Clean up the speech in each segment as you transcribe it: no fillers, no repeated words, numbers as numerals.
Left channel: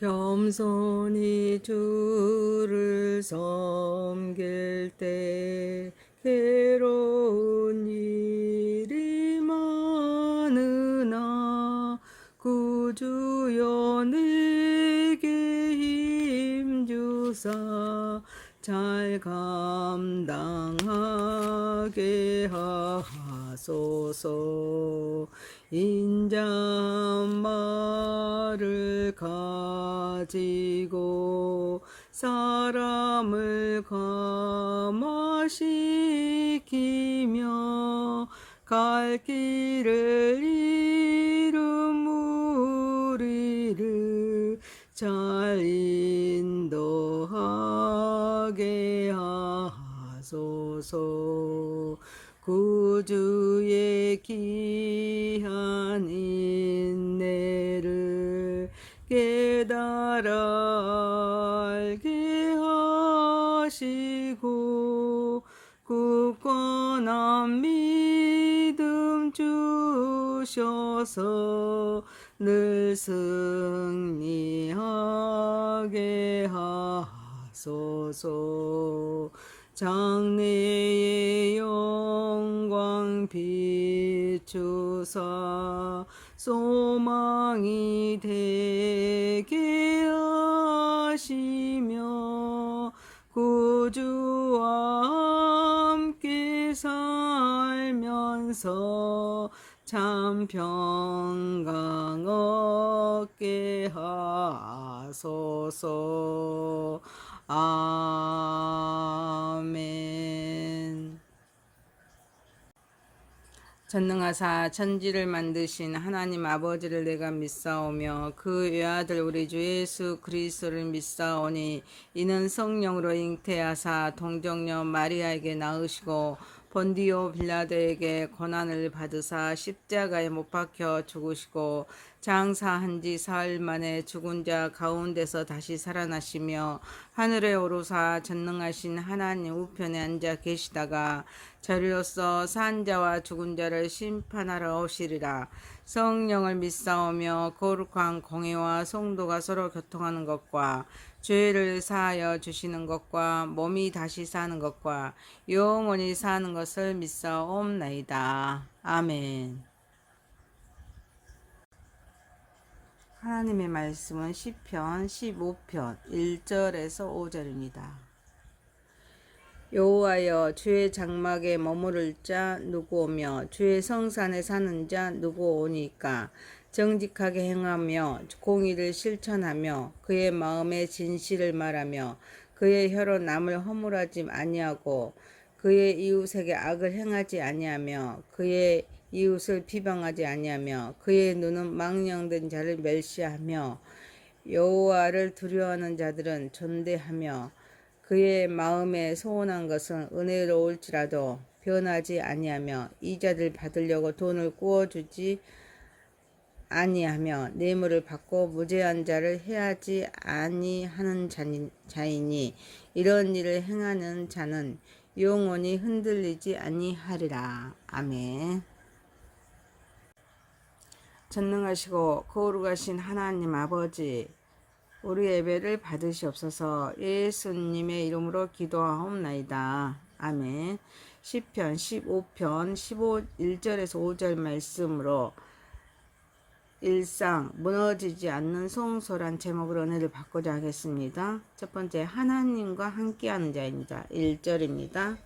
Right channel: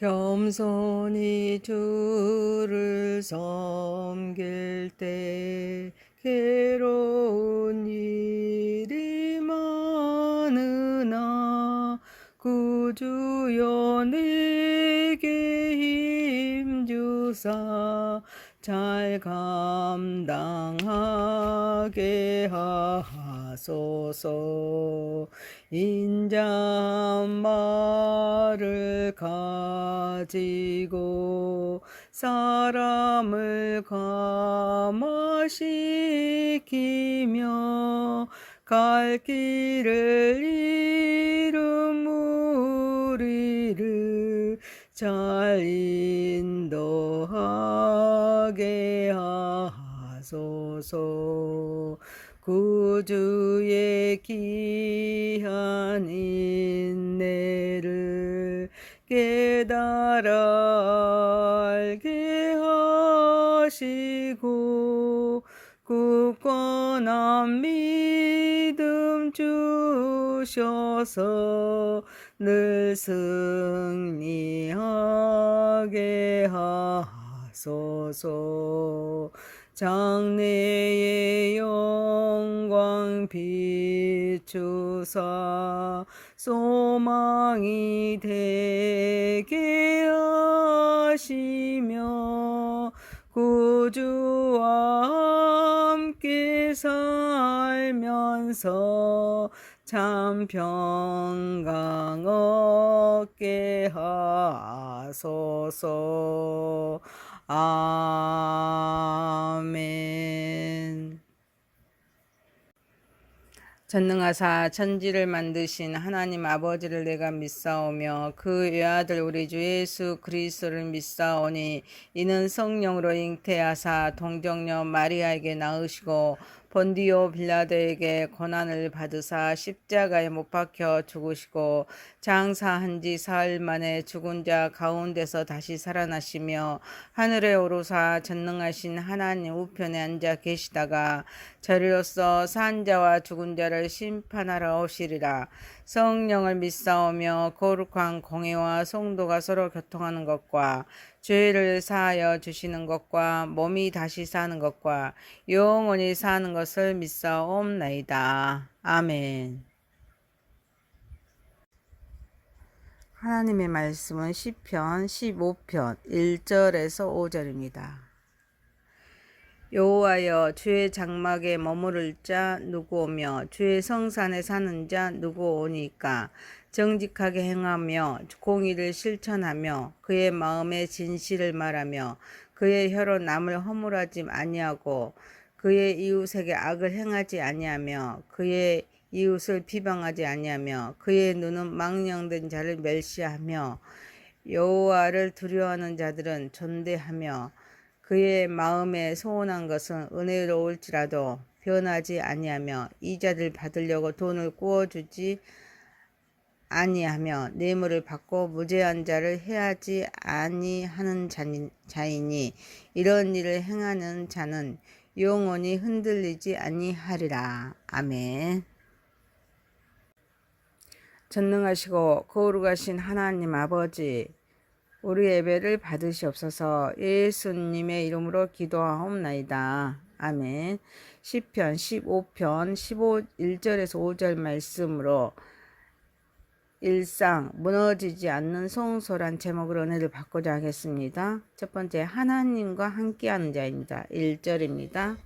겸손히 주를 섬길 때 괴로운 일이 많으나 구주여 내게 힘주사 잘 감당하게 하소서. 인자한 말을 가지고 사람을 감화시키며 갈 길을 잃은 우리를 잘 인도하게 하소서. 구주의 귀한 인내를 깨달아 알게 하시고 굳건한 믿음 주셔서 늘 승리하게 하소서. 장래의 영광 비추사 소망이 되게 하시며 구주와 함께 살면서 참 평강 얻게 하소서. 아멘. 전능하사 천지를 만드신 하나님 아버지를 내가 믿사오며 그 외아들 우리 주 예수 그리스도를 믿사오니 이는 성령으로 잉태하사 동정녀 마리아에게 낳으시고 본디오 빌라도에게 고난을 받으사 십자가에 못 박혀 죽으시고 장사한 지 사흘 만에 죽은 자 가운데서 다시 살아나시며 하늘에 오르사 전능하신 하나님 우편에 앉아 계시다가 저리로서 산 자와 죽은 자를 심판하러 오시리라. 성령을 믿사오며 거룩한 공회와 성도가 서로 교통하는 것과 죄를 사하여 주시는 것과 몸이 다시 사는 것과 영원히 사는 것을 믿사옵나이다. 아멘. 하나님의 말씀은 시편 15편 1절에서 5절입니다. 여호와여, 주의 장막에 머무를 자 누구 오며 주의 성산에 사는 자 누구 오니까. 정직하게 행하며 공의를 실천하며 그의 마음에 진실을 말하며 그의 혀로 남을 허물하지 아니하고 그의 이웃에게 악을 행하지 아니하며 그의 이웃을 비방하지 아니하며 그의 눈은 망령된 자를 멸시하며 여호와를 두려워하는 자들은 존대하며 그의 마음에 소원한 것은 은혜로울지라도 변하지 아니하며 이자를 받으려고 돈을 구워주지 아니하며 뇌물을 받고 무죄한 자를 해하지 아니하는 자이니 이런 일을 행하는 자는 영원히 흔들리지 아니하리라. 아멘. 전능하시고 거룩하신 하나님 아버지, 우리 예배를 받으시옵소서. 예수님의 이름으로 기도하옵나이다. 아멘. 시편 15편 1절에서 5절 말씀으로 일상 무너지지 않는 성소란 제목으로 은혜를 받고자 하겠습니다. 첫 번째, 하나님과 함께하는 자입니다. 1절입니다.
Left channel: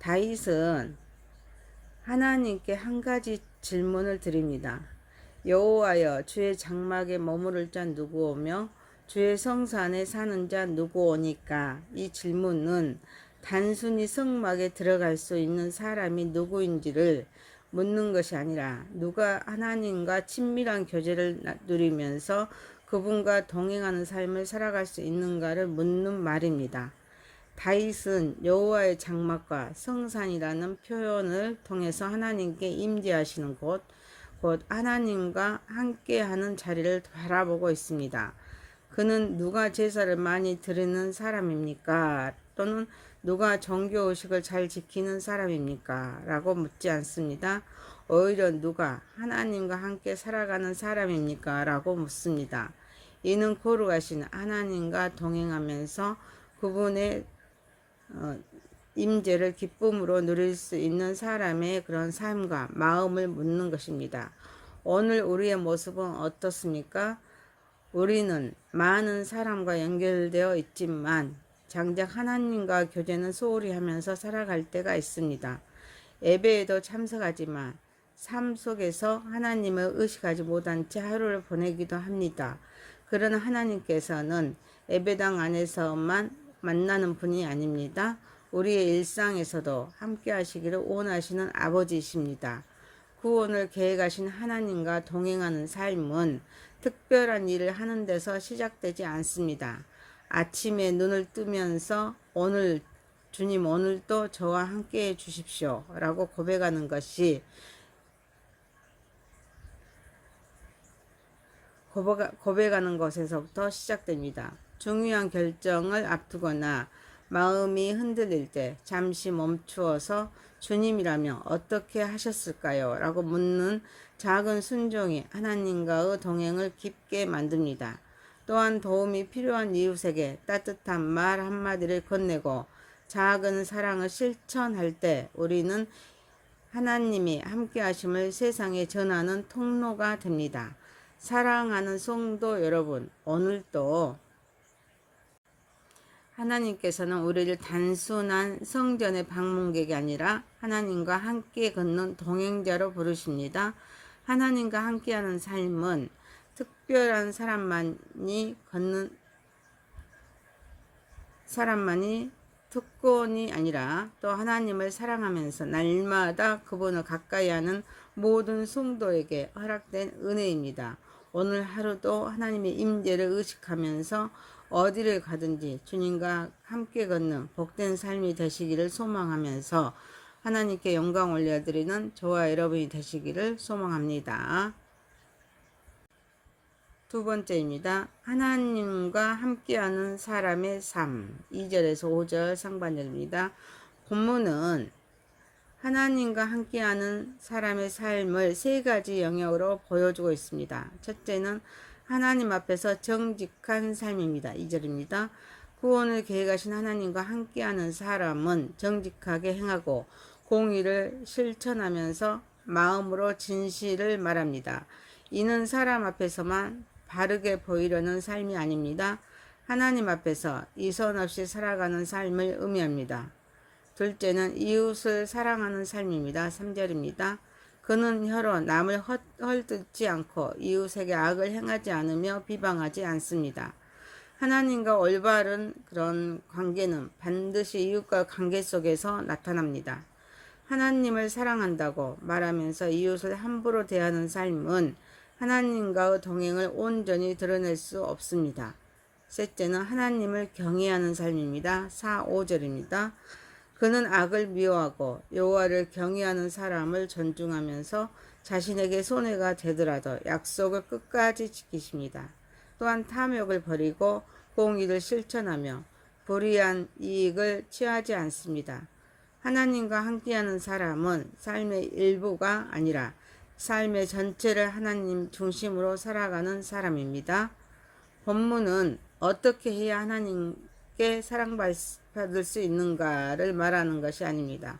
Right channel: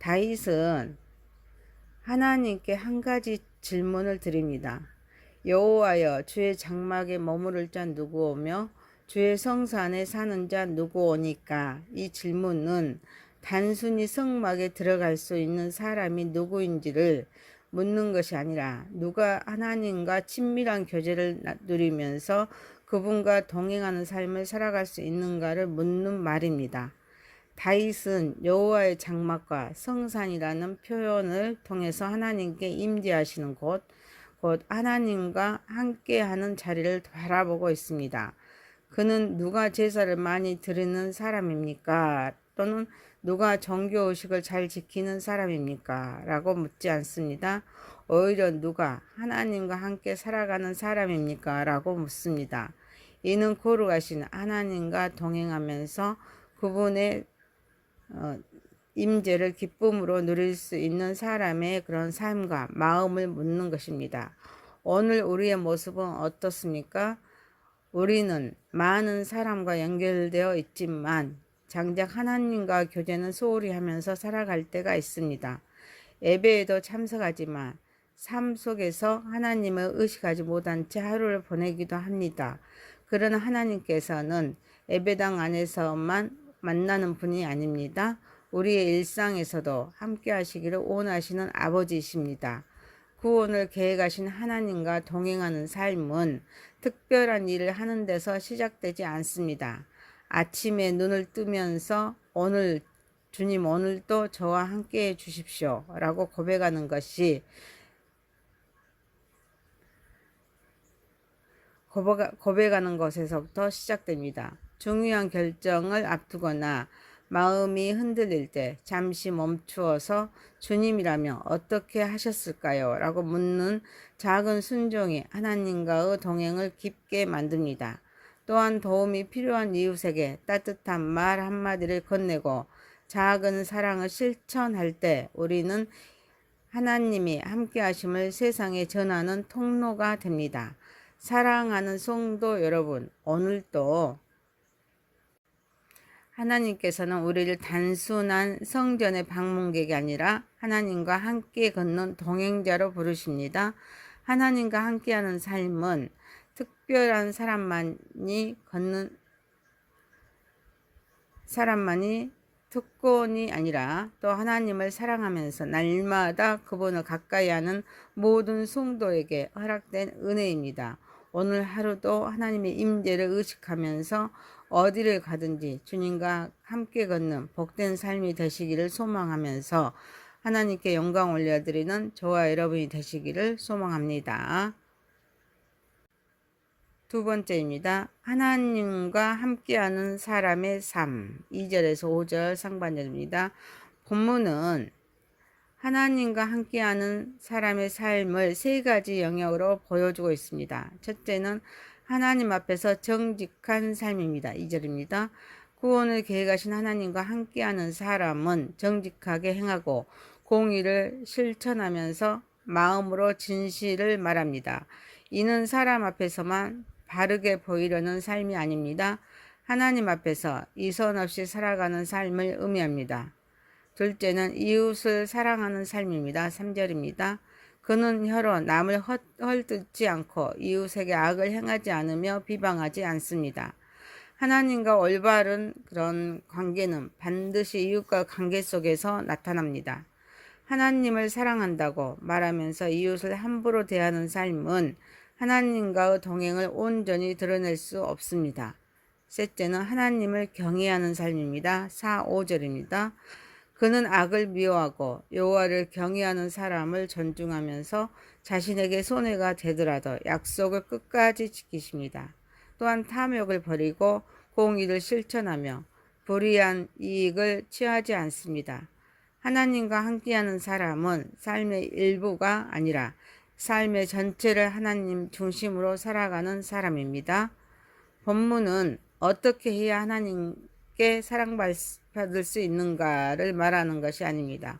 다윗은 하나님께 한 가지 질문을 드립니다. 여호와여, 주의 장막에 머무를 자 누구 오며 주의 성산에 사는 자 누구 오니까. 이 질문은 단순히 성막에 들어갈 수 있는 사람이 누구인지를 묻는 것이 아니라 누가 하나님과 친밀한 교제를 누리면서 그분과 동행하는 삶을 살아갈 수 있는가를 묻는 말입니다. 다윗은 여호와의 장막과 성산이라는 표현을 통해서 하나님께 임재하시는 곳, 곧 하나님과 함께하는 자리를 바라보고 있습니다. 그는 누가 제사를 많이 드리는 사람입니까? 또는 누가 정교의식을 잘 지키는 사람입니까? 라고 묻지 않습니다. 오히려 누가 하나님과 함께 살아가는 사람입니까? 라고 묻습니다. 이는 거룩하신 하나님과 동행하면서 그분의 임재를 기쁨으로 누릴 수 있는 사람의 그런 삶과 마음을 묻는 것입니다. 오늘 우리의 모습은 어떻습니까? 우리는 많은 사람과 연결되어 있지만 장작 하나님과 교제는 소홀히 하면서 살아갈 때가 있습니다. 예배에도 참석하지만 삶 속에서 하나님을 의식하지 못한 채 하루를 보내기도 합니다. 그러나 하나님께서는 예배당 안에서만 만나는 분이 아닙니다. 우리의 일상에서도 함께 하시기를 원하시는 아버지이십니다. 구원을 계획하신 하나님과 동행하는 삶은 특별한 일을 하는 데서 시작되지 않습니다. 아침에 눈을 뜨면서 주님 오늘도 저와 함께 해 주십시오 라고 고백하는 것에서부터 시작됩니다. 중요한 결정을 앞두거나 마음이 흔들릴 때 잠시 멈추어서 주님이라면 어떻게 하셨을까요? 라고 묻는 작은 순종이 하나님과의 동행을 깊게 만듭니다. 또한 도움이 필요한 이웃에게 따뜻한 말 한마디를 건네고 작은 사랑을 실천할 때 우리는 하나님이 함께 하심을 세상에 전하는 통로가 됩니다. 사랑하는 성도 여러분, 오늘도 하나님께서는 우리를 단순한 성전의 방문객이 아니라 하나님과 함께 걷는 동행자로 부르십니다. 하나님과 함께하는 삶은 특별한 사람만이 특권이 아니라 또 하나님을 사랑하면서 날마다 그분을 가까이 하는 모든 성도에게 허락된 은혜입니다. 오늘 하루도 하나님의 임재를 의식하면서 어디를 가든지 주님과 함께 걷는 복된 삶이 되시기를 소망하면서 하나님께 영광 올려드리는 저와 여러분이 되시기를 소망합니다. 두 번째입니다. 하나님과 함께하는 사람의 삶. 2절에서 5절 상반절입니다. 본문은 하나님과 함께하는 사람의 삶을 세 가지 영역으로 보여주고 있습니다. 첫째는 하나님 앞에서 정직한 삶입니다. 2절입니다. 구원을 계획하신 하나님과 함께하는 사람은 정직하게 행하고 공의를 실천하면서 마음으로 진실을 말합니다. 이는 사람 앞에서만 바르게 보이려는 삶이 아닙니다. 하나님 앞에서 이선 없이 살아가는 삶을 의미합니다. 둘째는 이웃을 사랑하는 삶입니다. 3절입니다. 그는 혀로 남을 헐뜯지 않고 이웃에게 악을 행하지 않으며 비방하지 않습니다. 하나님과 올바른 그런 관계는 반드시 이웃과 관계 속에서 나타납니다. 하나님을 사랑한다고 말하면서 이웃을 함부로 대하는 삶은 하나님과의 동행을 온전히 드러낼 수 없습니다. 셋째는 하나님을 경외하는 삶입니다. 4, 5절입니다. 그는 악을 미워하고 여호와를 경외하는 사람을 존중하면서 자신에게 손해가 되더라도 약속을 끝까지 지키십니다. 또한 탐욕을 버리고 공의를 실천하며 불의한 이익을 취하지 않습니다. 하나님과 함께하는 사람은 삶의 일부가 아니라 삶의 전체를 하나님 중심으로 살아가는 사람입니다. 본문은 어떻게 해야 하나님께 사랑받을 수 있는가를 말하는 것이 아닙니다.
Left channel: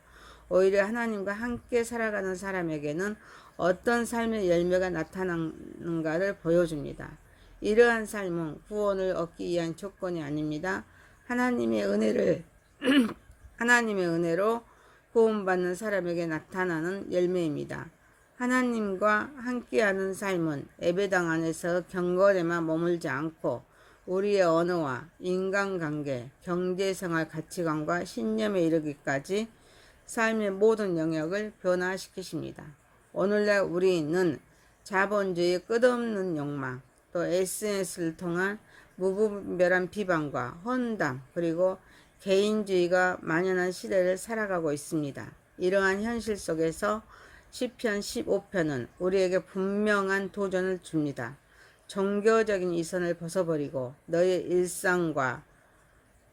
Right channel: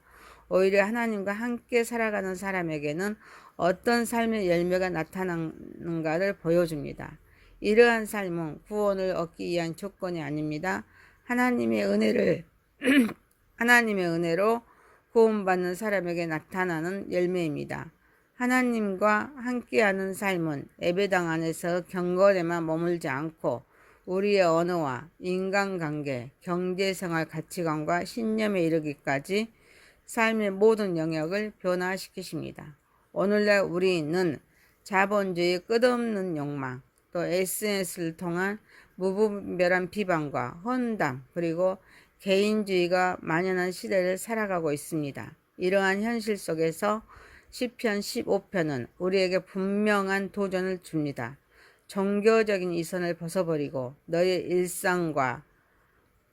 오히려 하나님과 함께 살아가는 사람에게는 어떤 삶의 열매가 나타나는가를 보여줍니다. 이러한 삶은 구원을 얻기 위한 조건이 아닙니다. 하나님의 은혜로 구원받는 사람에게 나타나는 열매입니다. 하나님과 함께하는 삶은 예배당 안에서 경건에만 머물지 않고 우리의 언어와 인간관계, 경제생활 가치관과 신념에 이르기까지 삶의 모든 영역을 변화시키십니다. 오늘날 우리는 자본주의의 끝없는 욕망, 또 SNS를 통한 무분별한 비방과 헌담, 그리고 개인주의가 만연한 시대를 살아가고 있습니다. 이러한 현실 속에서 시편 15편은 우리에게 분명한 도전을 줍니다. 종교적인 이선을 벗어버리고 너의 일상과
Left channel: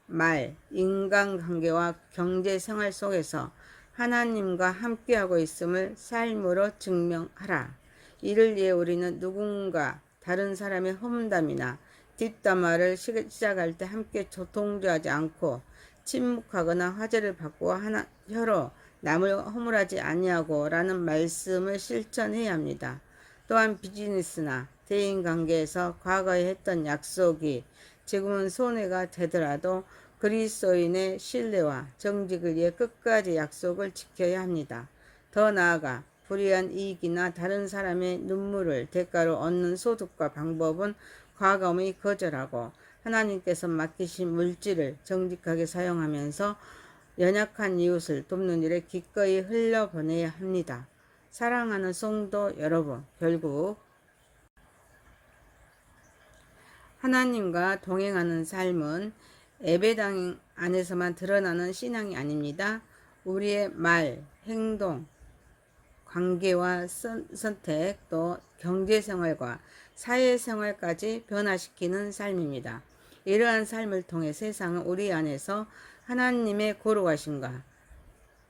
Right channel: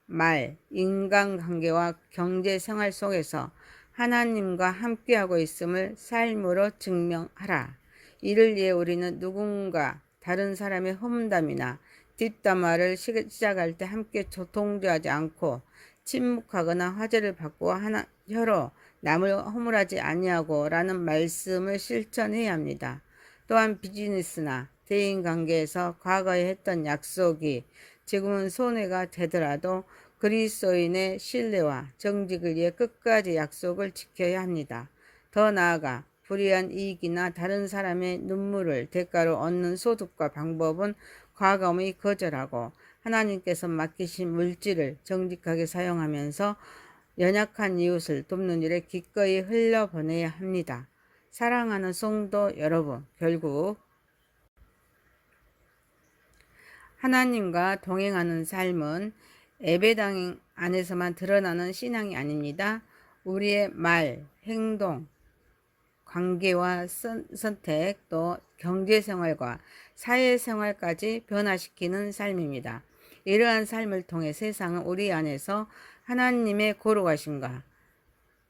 말, 인간관계와 경제생활 속에서 하나님과 함께하고 있음을 삶으로 증명하라. 이를 위해 우리는 누군가 다른 사람의 험담이나 뒷담화를 시작할 때 함께 동조하지 않고 침묵하거나 화제를 바꾸어 혀로 남을 허물하지 아니하고 라는 말씀을 실천해야 합니다. 또한 비즈니스나 대인관계에서 과거에 했던 약속이 지금은 손해가 되더라도 그리스도인의 신뢰와 정직을 위해 끝까지 약속을 지켜야 합니다. 더 나아가 불이한 이익이나 다른 사람의 눈물을 대가로 얻는 소득과 방법은 과감히 거절하고 하나님께서 맡기신 물질을 정직하게 사용하면서 연약한 이웃을 돕는 일에 기꺼이 흘려보내야 합니다. 사랑하는 성도 여러분, 결국 하나님과 동행하는 삶은 예배당 안에서만 드러나는 신앙이 아닙니다. 우리의 말, 행동, 관계와 선택, 또 경제생활과 사회생활까지 변화시키는 삶입니다. 이러한 삶을 통해 세상은 우리 안에서 하나님의 거룩하심과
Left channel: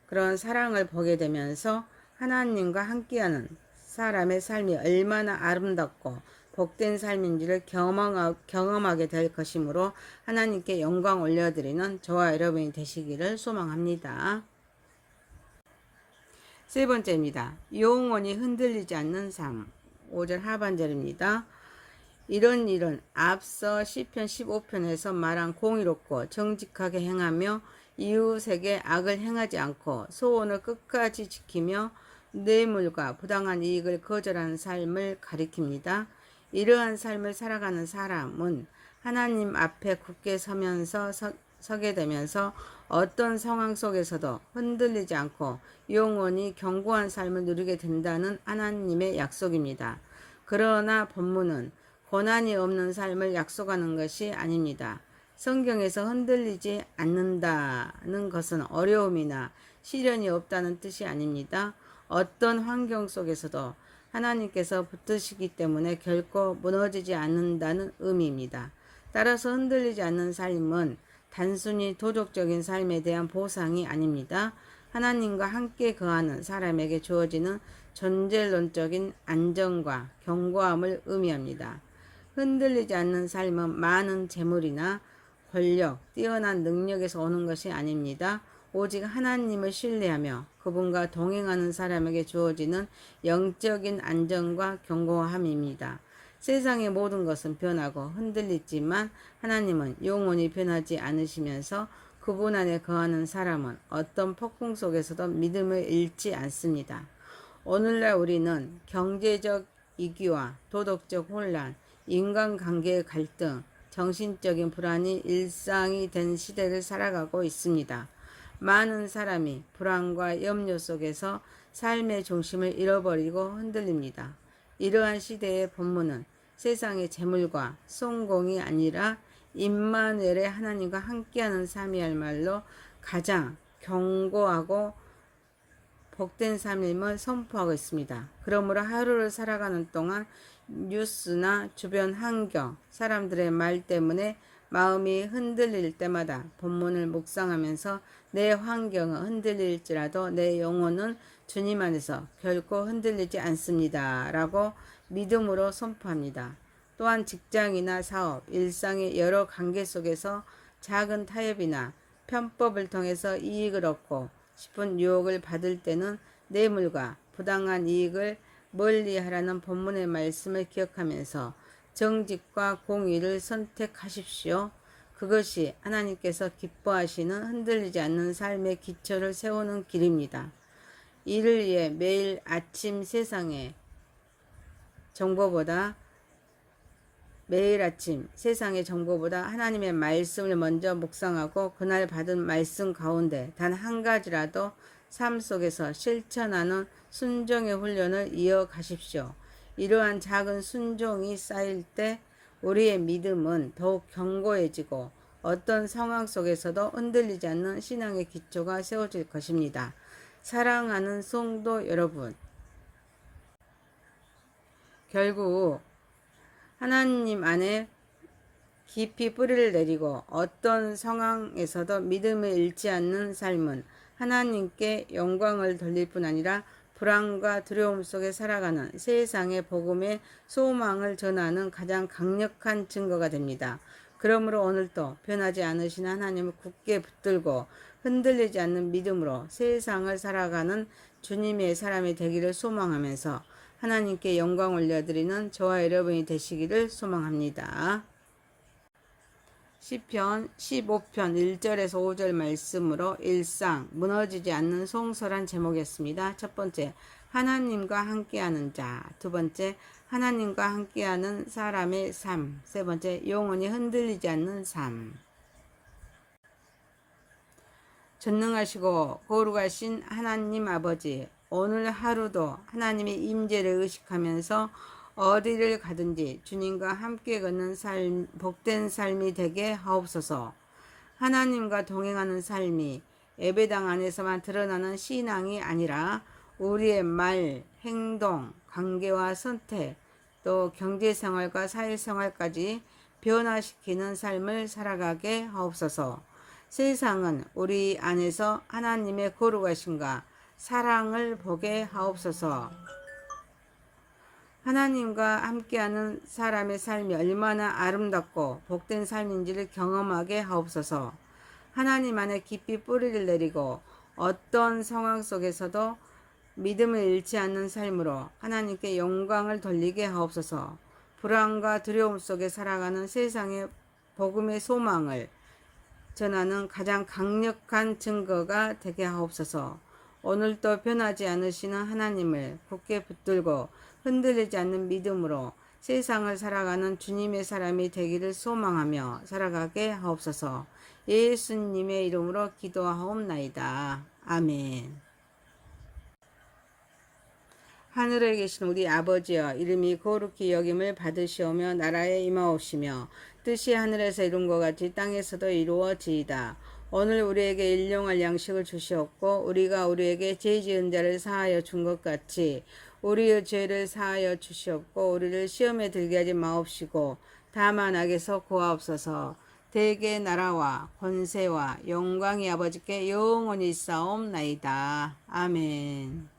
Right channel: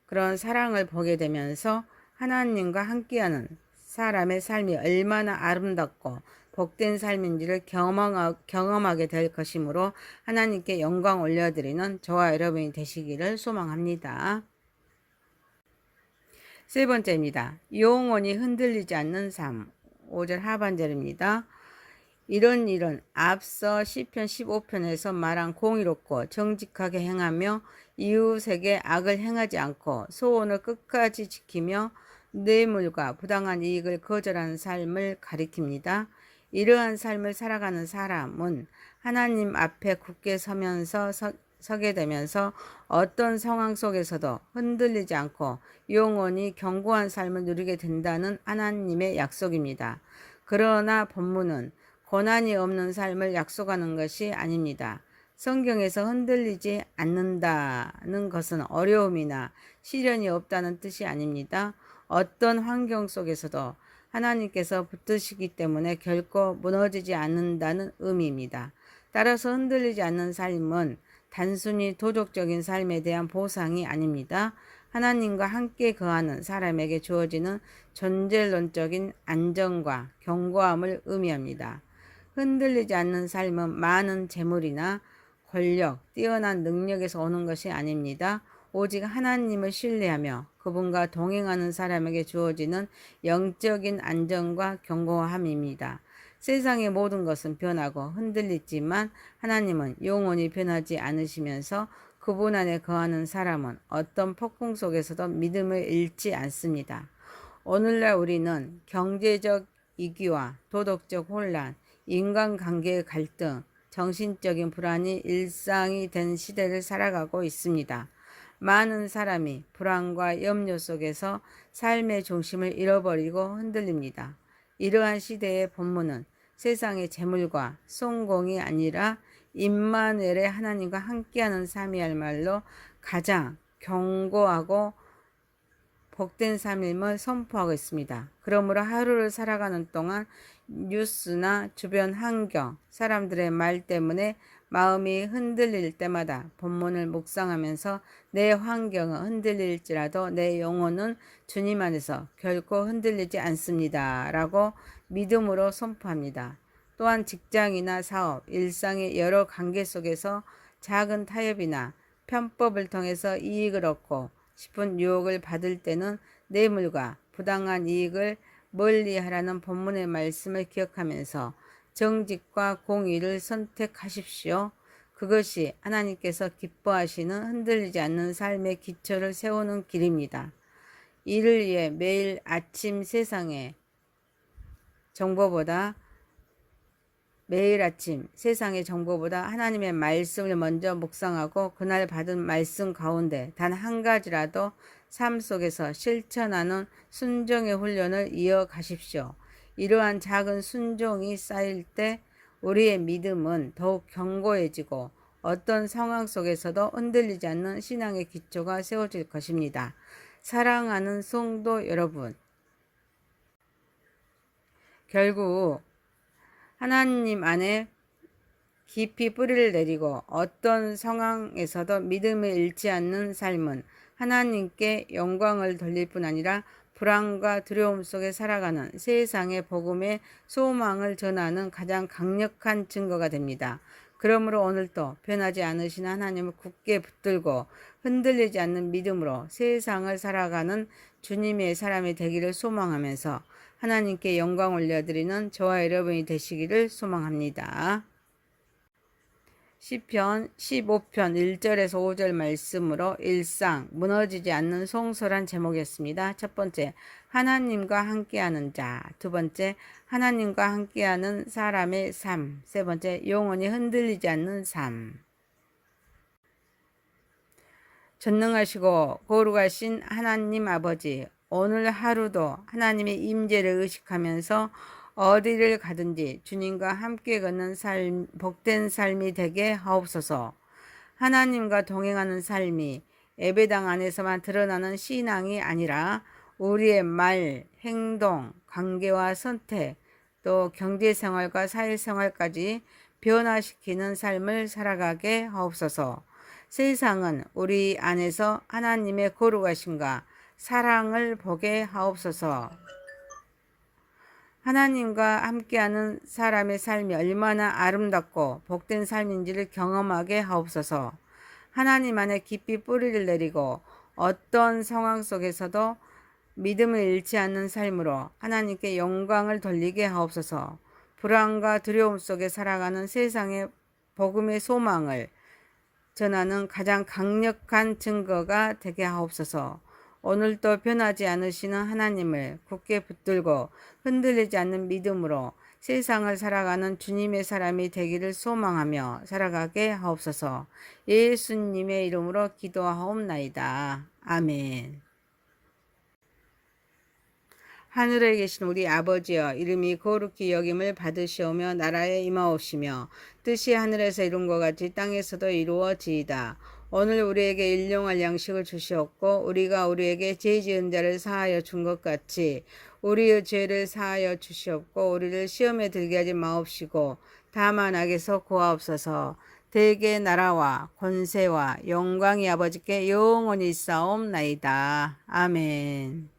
그런 사랑을 보게 되면서 하나님과 함께하는 사람의 삶이 얼마나 아름답고 복된 삶인지를 경험하게 될 것이므로 하나님께 영광 올려드리는 저와 여러분이 되시기를 소망합니다. 세 번째입니다. 영원히 흔들리지 않는 삶. 5절 하반절입니다. 이런 일은 앞서 시편 15편에서 말한 공의롭고 정직하게 행하며 이웃에게 악을 행하지 않고 소원을 끝까지 지키며 뇌물과 부당한 이익을 거절하는 삶을 가리킵니다. 이러한 삶을 살아가는 사람은 하나님 앞에 굳게 서게 되면서 어떤 상황 속에서도 흔들리지 않고 영원히 견고한 삶을 누리게 된다는 하나님의 약속입니다. 그러나 본문은 고난이 없는 삶을 약속하는 것이 아닙니다. 성경에서 흔들리지 않는다는 것은 어려움이나 시련이 없다는 뜻이 아닙니다. 어떤 환경 속에서도 하나님께서 붙드시기 때문에 결코 무너지지 않는다는 의미입니다. 따라서 흔들리지 않는 삶은 단순히 도덕적인 삶에 대한 보상이 아닙니다. 하나님과 함께 거하는 사람에게 주어지는 존재론적인 안정과 견고함을 의미합니다. 흔들리지 않는 삶은 많은 재물이나 권력, 뛰어난 능력에서 오는 것이 아닙니다. 오직 하나님을 신뢰하며 그분과 동행하는 사람에게 주어지는 영적인 안정과 견고함입니다. 세상의 모든 것은 변하고 흔들리지만 하나님은 영원히 변하지 않으시면서 그분 안에 거하는 사람은 어떤 폭풍 속에서도 믿음을 잃지 않습니다. 오늘날 우리는 경제적 위기와 도덕적 혼란, 인간관계의 갈등, 정신적인 불안이 일상이 된 시대를 살아가고 있습니다. 많은 사람이 불안과 염려 속에서 삶의 중심을 잃어버리고 흔들립니다. 이러한 시대의 본문은 세상의 재물과 성공이 아니라 임마누엘의 하나님과 함께하는 삶이야말로 가장 견고하고 복된 삶임을 선포하고 있습니다. 그러므로 하루를 살아가는 동안 뉴스나 주변 환경, 사람들의 말 때문에 마음이 흔들릴 때마다 본문을 묵상하면서 내 환경은 흔들릴지라도 내 영혼은 주님 안에서 결코 흔들리지 않습니다. 라고 믿음으로 선포합니다. 또한 직장이나 사업, 일상의 여러 관계 속에서 작은 타협이나 편법을 통해서 이익을 얻고 싶은 유혹을 받을 때는 뇌물과 부당한 이익을 멀리하라는 본문의 말씀을 기억하면서 정직과 공의를 선택하십시오. 그것이 하나님께서 기뻐하시는 흔들리지 않는 삶의 기초를 세우는 길입니다. 이를 위해 매일 아침 세상의 정보보다 하나님의 말씀을 먼저 묵상하고 그날 받은 말씀 가운데 단 한 가지라도 삶 속에서 실천하는 순종의 훈련을 이어가십시오. 이러한 작은 순종이 쌓일 때 우리의 믿음은 더욱 견고해지고 어떤 상황 속에서도 흔들리지 않는 신앙의 기초가 세워질 것입니다. 사랑하는 성도 여러분, 결국 하나님 안에 깊이 뿌리를 내리고 어떤 상황에서도 믿음을 잃지 않는 삶은 하나님께 영광을 돌릴 뿐 아니라 불안과 두려움 속에 살아가는 세상의 복음의 소망을 전하는 가장 강력한 증거가 됩니다. 그러므로 오늘도 변하지 않으신 하나님을 굳게 붙들고 흔들리지 않는 믿음으로 세상을 살아가는 주님의 사람이 되기를 소망하면서 하나님께 영광 올려드리는 저와 여러분이 되시기를 소망합니다. 시편 15편 1절에서 5절 말씀으로 일상 무너지지 않는 송설한 제목이었습니다. 첫 번째, 하나님과 함께하는 자. 두 번째, 하나님과 함께하는 사람의 삶. 세 번째, 영원히 흔들리지 않는 삶. 전능하시고 거룩하신 하나님 아버지, 오늘 하루도 하나님의 임재를 의식하면서 어디를 가든지 주님과 함께 걷는 삶, 복된 삶이 되게 하옵소서. 하나님과 동행하는 삶이 예배당 안에서만 드러나는 신앙이 아니라 우리의 말, 행동, 관계와 선택, 또 경제생활과 사회생활까지 변화시키는 삶을 살아가게 하옵소서. 세상은 우리 안에서 하나님의 거룩하심과 사랑을 보게 하옵소서. 하나님과 함께하는 사람의 삶이 얼마나 아름답고 복된 삶인지를 경험하게 하옵소서. 하나님 안에 깊이 뿌리를 내리고 어떤 상황 속에서도 믿음을 잃지 않는 삶으로 하나님께 영광을 돌리게 하옵소서. 불안과 두려움 속에 살아가는 세상의 복음의 소망을 전하는 가장 강력한 증거가 되게 하옵소서. 오늘도 변하지 않으시는 하나님을 굳게 붙들고 흔들리지 않는 믿음으로 세상을 살아가는 주님의 사람이 되기를 소망하며 살아가게 하옵소서. 예수님의 이름으로 기도하옵나이다. 아멘. 하늘에 계신 우리 아버지여, 이름이 거룩히 여김을 받으시오며 나라에 임하옵시며 뜻이 하늘에서 이룬 것 같이 땅에서도 이루어지이다. 오늘 우리에게 일용할 양식을 주시옵고 우리가 우리에게 죄 지은 자를 사하여 준 것 같이 우리의 죄를 사하여 주시옵고 우리를 시험에 들게 하지 마옵시고 다만 악에서 구하옵소서. 대개 나라와 권세와 영광이 아버지께 영원히 있사옵나이다. 아멘.